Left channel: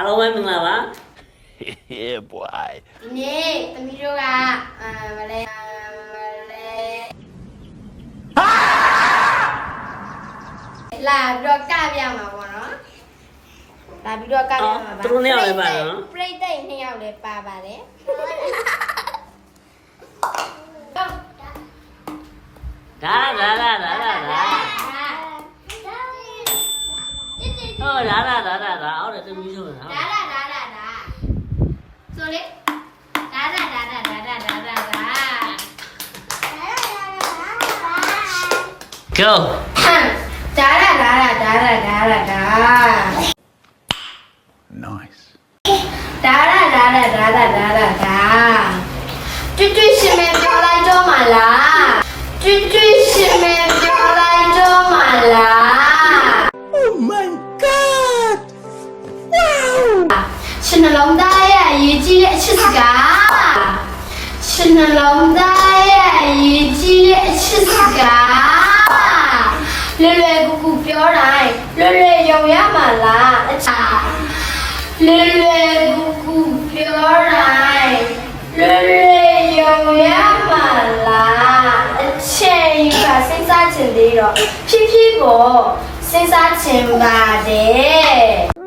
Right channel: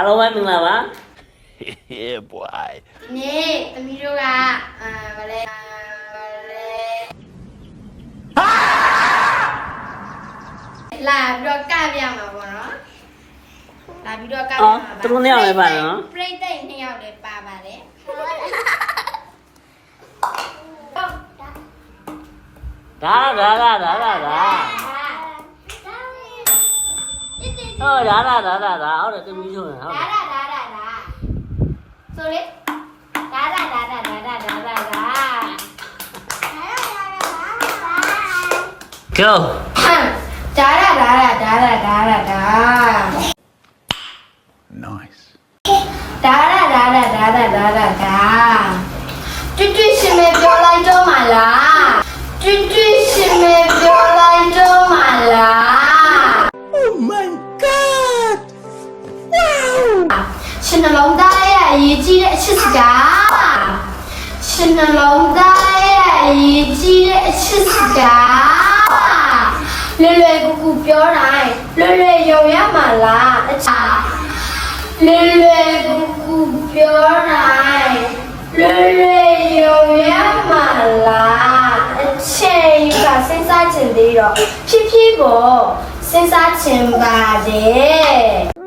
အားလုံးပဲမင်္ဂလာပါ Yeah boy ဒီနေ့သမီးတို့ကဗလဲလာပြီးတော့ကပြမှာပေါ့နော်လာပြီးတော့ကပြမှာပါ သူတို့နှစ်ယောက်လည်းပါနော် ပြိတ္တိတ်နှစ်ယောက်လည်းပါပါတယ် ဒါဟောဒါဒါဟုတ်တယ်သူပြီးဆုံးတယ်ဟုတ်တယ် ဆိုလေဒါဒါ Go ဒါ nice ဒါကျွတ်ကျွတ်ရှင်မပြောလိုက်တော့မလားကျွတ်ကျွတ်ရှင်မပြောလိုက်တော့မလား Oh my god wow ရှင်နှလုံးသားရဲ့အရေးကြီးတဲ့အချစ်စကားရှင်နှလုံးသားရဲ့အရေးကြီးတဲ့အချစ်စကားလွယ်ကူကူပြောတိုင်းလွယ်ယုံရမှာလားအချာလွယ်ကူကူပြောတိုင်းလွယ်ယုံရမှာလားအချိန်ကစဉ်းစားချင်သေးတော့ဖြည်းဖြည်းကိုစဉ်းစားချင်ပါတယ်